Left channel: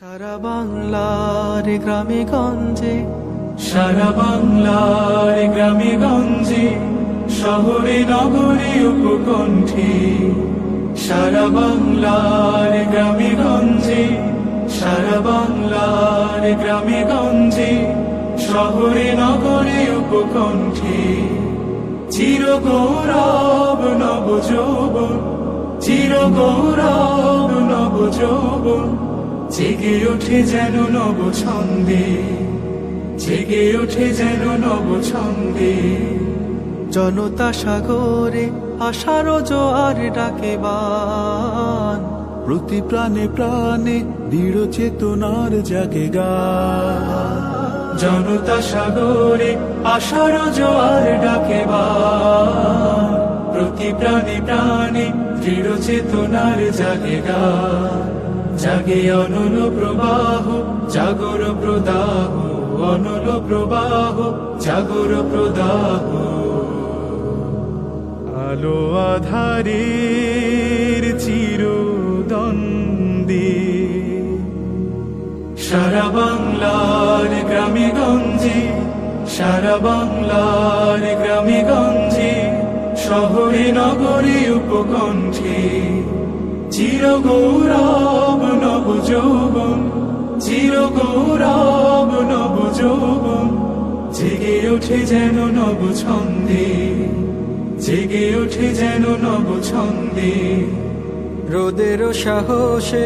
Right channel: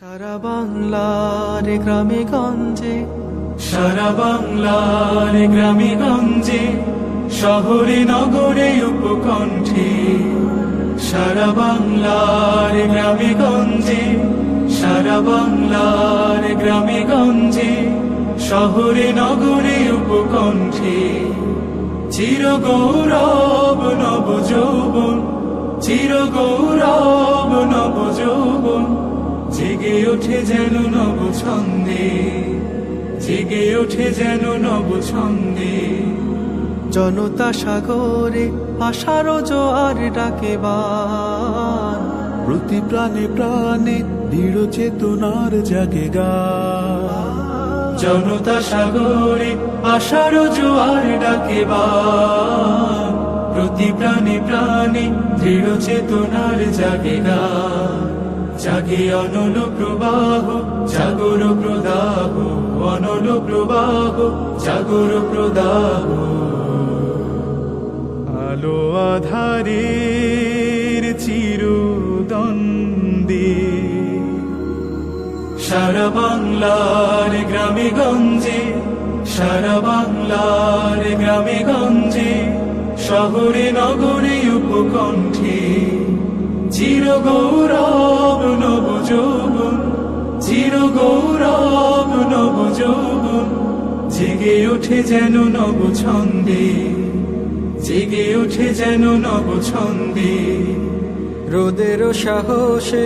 সারা বাংলার গ্রামে গঞ্জে, সারা বাংলার গ্রামে গঞ্জে, শহরে নগরে উপকণ্ঠে। সারা বাংলার গ্রামে গঞ্জে, সারা বাংলার গ্রামে গঞ্জে, শহরে নগরে উপকণ্ঠে। চির গৌরব নব যৌবন, চির গৌরব নব যৌবন, জেগে ওঠে যেন নব ছন্দে, জেগে ওঠে যেন নব ছন্দে। জনতা সাগরে আশার জোয়ার ডাকে বান, প্রতি প্রাণে প্রাণে দৃঢ় চেতনার জাগে গান। জনতা সাগরে আশার জোয়ার ডাকে বান, প্রতি প্রাণে প্রাণে দৃঢ় চেতনার জাগে গান। জাগে অনল প্রবাহ, জাগর প্রদাহ, অনল প্রবাহ, জাগর প্রদাহ। আলো আধারের চিরদ্বন্দ্বে, সারা বাংলার গ্রামে গঞ্জে, সারা বাংলার গ্রামে গঞ্জে, শহরে নগরে উপকণ্ঠে। চির গৌরব নব যৌবন, চির গৌরব নব যৌবন, জেগে ওঠে যেন নব ছন্দে, জেগে ওঠে যেন নব ছন্দে। রোদের সাহসে